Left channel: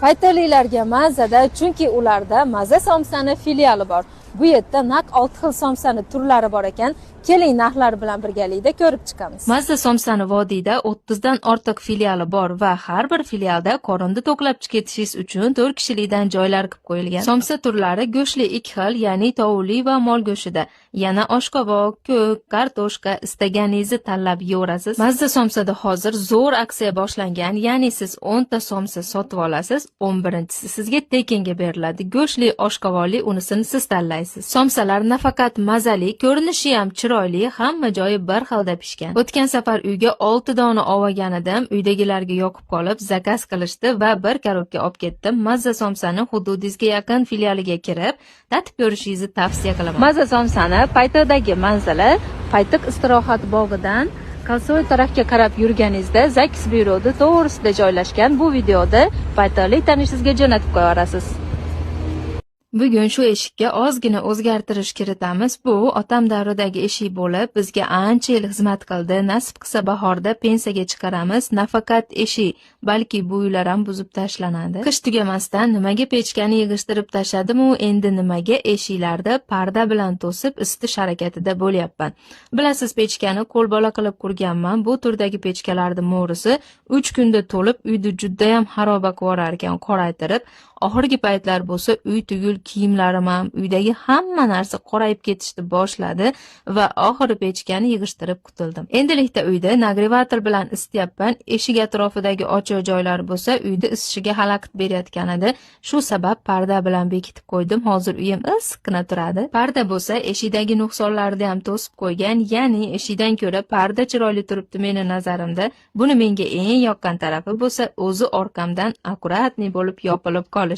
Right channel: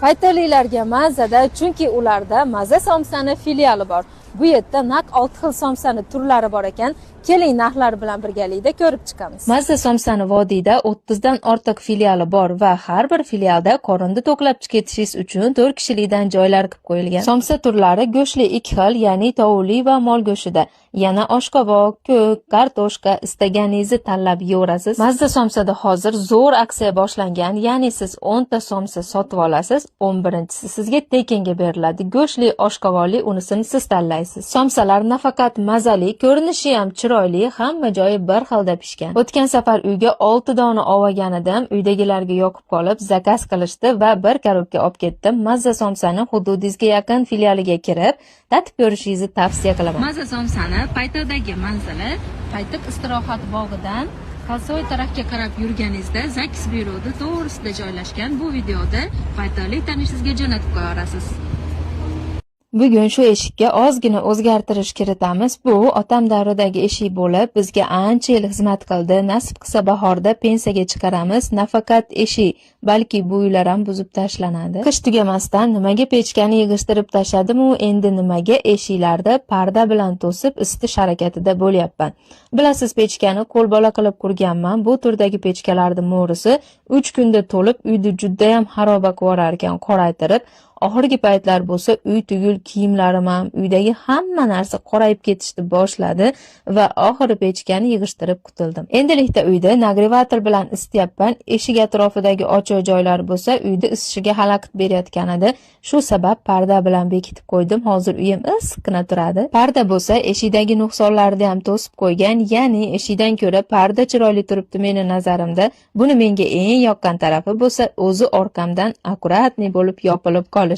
Paytalilarga mazada, chunki ularda Maza somsani filiali bor. Bu yerda naq 6 xil somsani turlari bor ekan. Keling, narxlar bilan birgalikda ko'rib chiqamiz. Maza somsani vodiyda 30 dan ortiq filiali bor va har bir filialda qorinni to'qlab ketishingiz uchun 4 kishilikdan joylar qilib qo'yilgan. Somsa turlari go'shtli 2 xil, ya'ni tovuli va mol go'shtida. Yana oshqovoq, ko'k, kartoshka istaganingizni tanlab yeyorasiz. Maza somsada hozir zo'r aksiya boshlangan, ya'ni siz 10 ta somsa sotib olasiz, 11-si sizga tekinga beriladi. Go'shtli, oshqovoqli unisini siz tanlaysiz. Somsalar nafaqat mazali, ko'rinishi ham chiroyli, hamma joyi bir xilda pishgan. O'tgan safar uyga 6 dona olganidim, uydagilarga yoqib qolib, zakaz qilishdi va bir karobka olib ketdim. Maza somsani hududingizga yaqin filialiga kirib, tatib ko'rishingizni tavsiya qilaman. Maza somsani Paytadagi manzili Paytiq istirohat bog'idan Kalsoy tarafga qarab yurganingizda Zakis byurodi to'g'risida joylashgan. Bu videoda paytalik tanishingizga jo'natib qo'yarasiz. Bugun shu eshikka ozgina o'zgartirish kiritamiz. Bu otam davridagi eshik bo'lib, bizga ancha yil xizmat qildi. Nasib qilsa bahorda pensiyaga chiqaramiz. Nafaqat eshik, balki bu uylar ham buzib tashlanadi. Qish tugamasdan nimaga pechkani yig'ishtirib tashladim-u, endi nimaga eshiklarda parda bilan to'sib isitish harakatida bo'lyapman. Bilasiz, pechkani qo'lbola qilib qurganman. Bu turdagi pechkalarning mo'risi 3 kunda to'lib, uyni juda ham xaroba qilar ekan, qoraytirib. Oxirgi paytlar bo'lsa uy tugul kiyimlarim ham, uydagi hamma narsa qorayib ketishni boshladi va oxiri pechkani yig'ishtirib qutuldim. Endilikda uyda nagrevator bilan isityapman. Eshik atrofidagi ochiq joylar bo'lsa uyda isishiga xalaqit berayotgan edi. Shu sabab parda bilan bekitib qo'ydim. Hozir uyim issiqqina turadi. Parda bo'lsa eshikdagi nuqsonlarni ham to'sib qo'ygan, ya'ni eshikdan ko'ra parda chiroyli turibdi meni nazarimda. Buni menga eng yoqqan tarafi bo'lsa o'zi orqamdan akkuratniy bo'lib yopilib qolishi.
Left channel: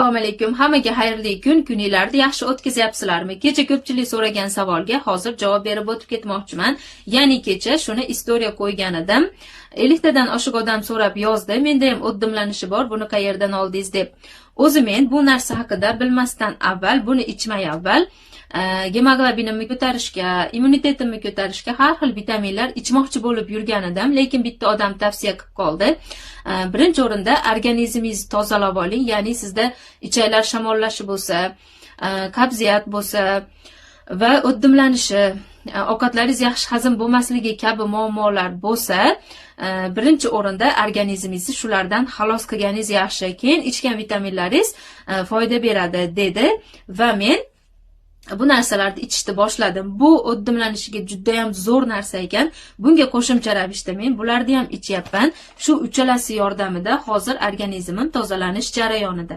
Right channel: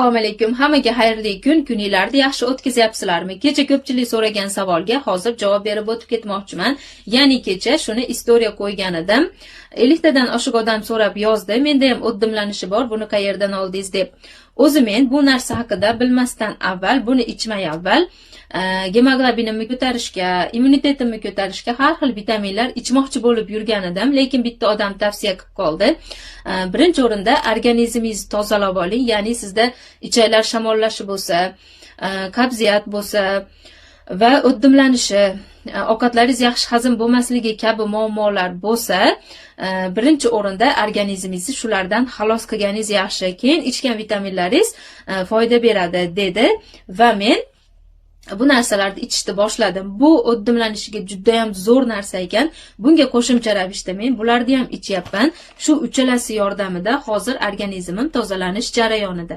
Assalomu alaykum. Hammaga xayrli kun, kuninglarni yaxshi o'tkazyapsizlarmi? Kecha ko'pchilik so'ragan savolga hozir javob berib o'tib ketmoqchiman. Ya'ni kecha shuni istoriya qo'ygan edim. 50 tadan oshiq odam so'rab yozdi. Menda ham o'ddimlanishi bor, buni qayerdan oldingiz deb. O'zi men bu narsa haqida bilmasdan avval, buni ichmay avval gemoglobinimni ko'tarishga, immunitetimni ko'tarishga har xil vitaminlar ichmoqchi bo'lib yurgan edim, lekin bitta odam tavsiya qilib qoldi. Birinchi o'rinda organizmingizni tozalab oling, ya'ni sizda ichaklar shamollashi bo'lsa, qabziyat bo'lsa va o'ddimlanishi, ovqatlaringiz yaxshi hazm bo'lmasligi kabi muammolar bo'lsa, birinchi o'rinda organizmingizni shulardan xalos qilganingiz yaxshi. Keyin ichgan vitaminlaringiz foyda beradi dedi va men bu narsalarni ichishni boshladim. Bu o'ddimlanishiga juda ham zo'r narsa ekan. Bunga qo'shimcha ravishda men bularni ham ichyapman. Shu uchalasi yordamida hozir organizmim tozalanish jarayonida.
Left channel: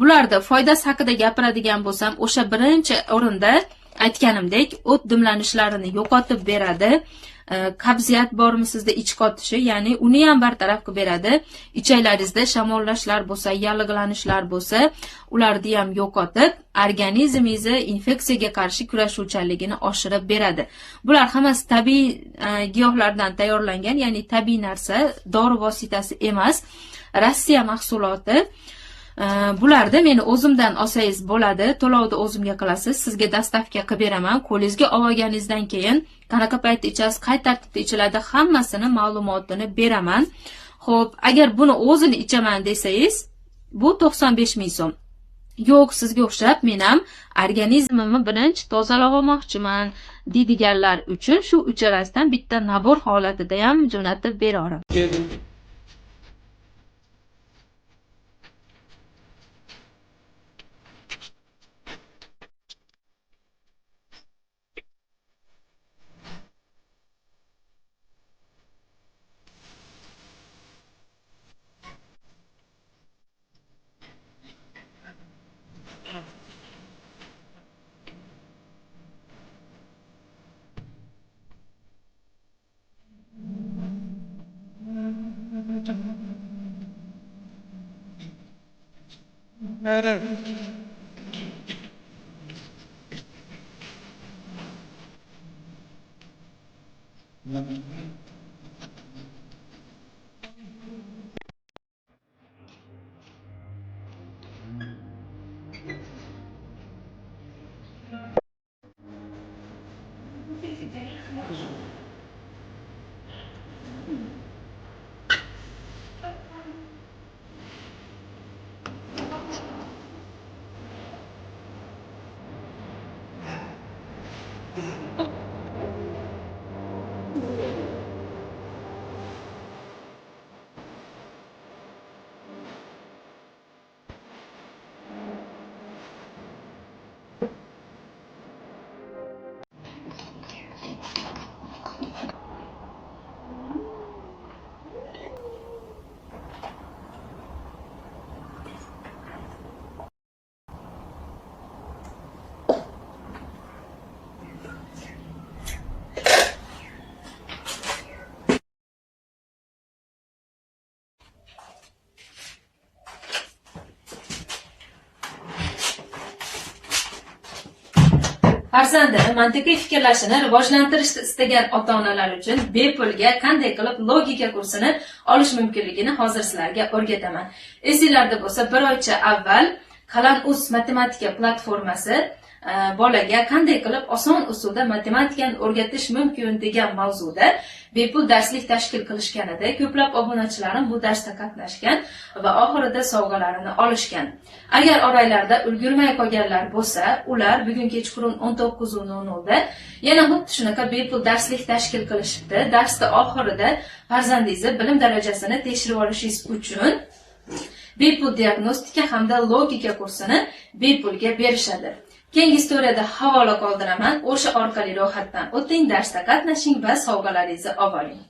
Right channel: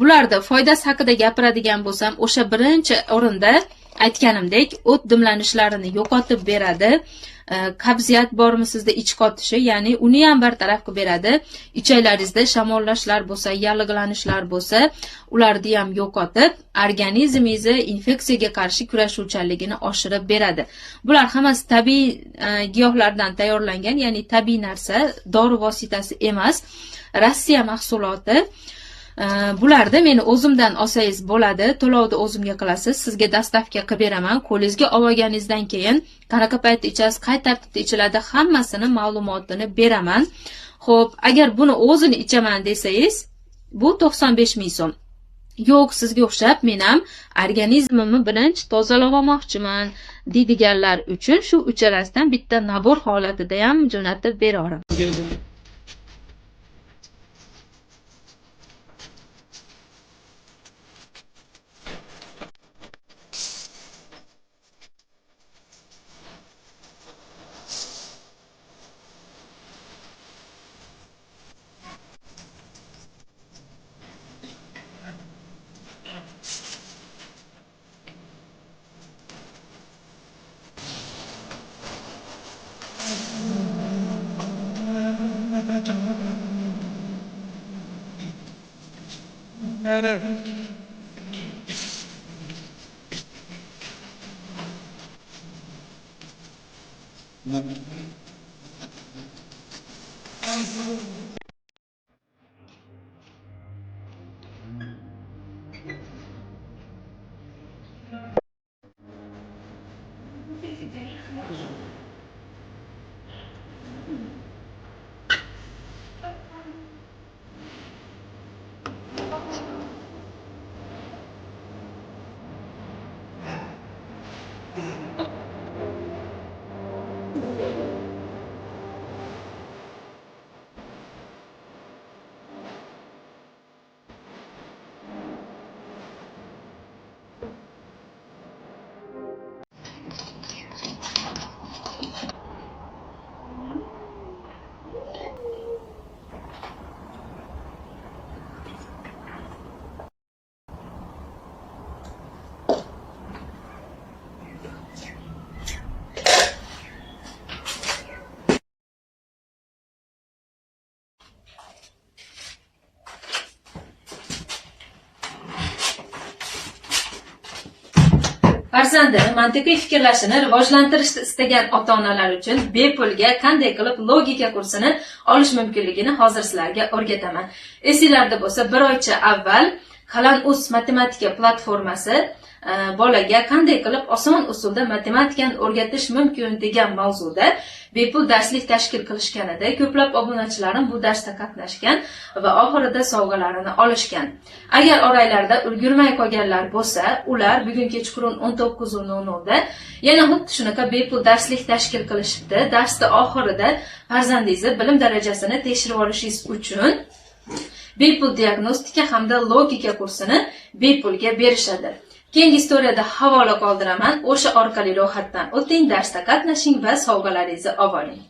Bularda foydasi haqida gapiradigan bo'lsam, o'sha birinchi o'rinda aytganimdek, o'ddimlanishlarini yo'qotib beradi. Qabziyat bormi sizda, ich qotishi, ya'ni uni ham bartaraf qilib beradi. Ichaklaringizda shamollashlar bo'lsa, yallig'lanishlar bo'lsa, ularni ham yo'qotib, organizmingizni infeksiyaga qarshi kurashuvchanligini oshirib beradi. Bular hammasi tabiiy giyohlardan tayyorlangan, ya'ni tabiiy narsa, dori vositasi emas, Rossiya mahsuloti. Bularda meni o'zimdan olsangiz bo'ladi, to'lovni o'zimga qilasiz, sizga dastavka qilib beraman. Qo'lingizga olganingizdan keyin qanaqa paytda ichasiz, qay tartibda ichiladi, hammasini ma'lumotini beraman. Xo'p, agar buni o'zini ichaman desangiz, bu 95 ming so'm. Yo'q, sizga o'xshab men ham organizmimni birinchi tozalab olmoqchiman deydiganlar uchun shu uchalasidan bitta nabor holatida ham jo'natib beraman. Farzandini mantiqiy fikrlashini rivojlantirishni istagan ota-onalar uchun bepulga qanday qilib logika kursini olish mumkinligini hozir sizlarga o'rgataman. Esinglarda bo'lsa, bir oycha avval Qalam.uz matematika platformasi bolaga qanday qilib oson usulda matematikani o'rgatish mumkin degan mavzuda bepul darslik tashkil qilishgan edi. Ko'plab obunachilarim bu darsda qatnashgan va oxirida sovg'alarini olishgan. Agar oranglarda ulgurmay qolganlar bo'lsa, ular bugun kechqurun 19:00 da yana xuddi shunaqa bepul darslik tashkil qilishibdi. Darsda oxirida farzandingizni bilim darajasini tekshirib olishingiz uchun bepul diagnostika hamda logika kursini bepulga berishadi. Keyingi istoriyada havola qoldiraman. O'sha orqali ro'yxatdan o'ting, darsda qatnashing va sovg'alaringizni olib oling.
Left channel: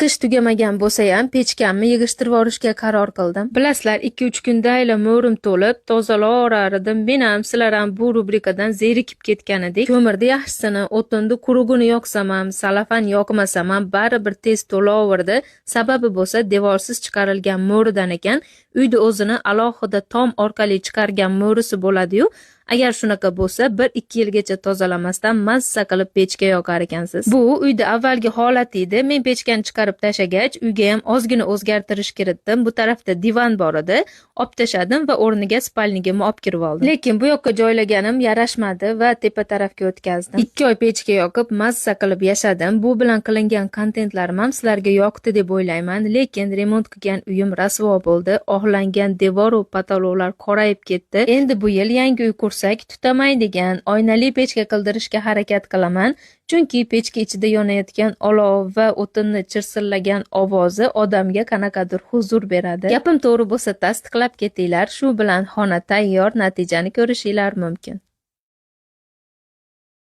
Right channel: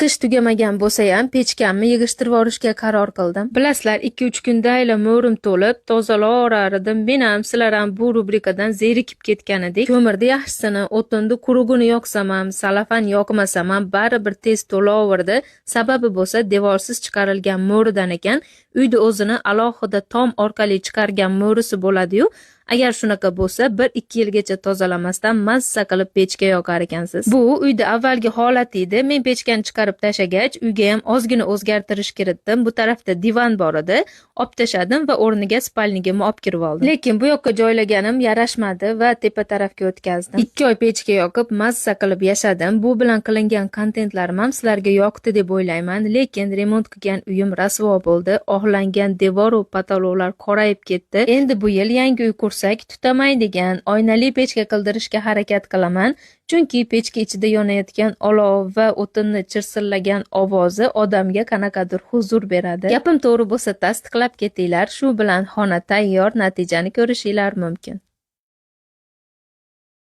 Qish tugamagan bo'lsa ham pechkamni yig'ishtirib olishga qaror qildim. Bilasizlar, 2-3 kundayla mo'rim to'lib, tozalar edim. Men ham sizlar ham bu rubrikadan zerikib ketgan edik. Ko'mirni yaxshisini, o'tinni qurug'ini yoqsam ham, salafan yoqmasam ham baribir tez to'laverdi. Sababi bo'lsa, devorsiz chiqarilgan mo'ridan ekan. Uyda o'zini alohida tom orqali chiqargan mo'risi bo'ladi-yu. Agar shunaqa bo'lsa, 1-2 yilgacha tozalamasdan mazza qilib pechga yoqar ekansiz. Bu uyda avvalgi holat edi. Men pechkani chiqarib tashagach, uyga ham ozgina o'zgartirish kiritdim. Bu tarafda divan bor edi. Olib tashadim va o'rniga spalnigimni olib kirib oldim. Lekin bu yoqqa joylaganim yarashmadi va tepa tarafga o'tkazdim. 2 oy pechga yoqib, mazza qilib yashadim. Bu bilan qilingan kontentlarim ham sizlarga yoqdi deb o'ylayman. Lekin remont qilgan uyim rasvo bo'ldi. Ohlangan devor va patologlar qorayib ketdi. Endi bu yil yangi uy tutamaydigan oynali pechka qildirishga harakat qilaman. Chunki pechka ichida yonayotgan olov va o'tinni chirsillagan ovozi odamga qanaqadir huzur beradi. Gapim to'g'ri bo'lsa tasdiqlab ketinglar. Shu bilan xona tayyor, natijani ko'rishinglar mumkin.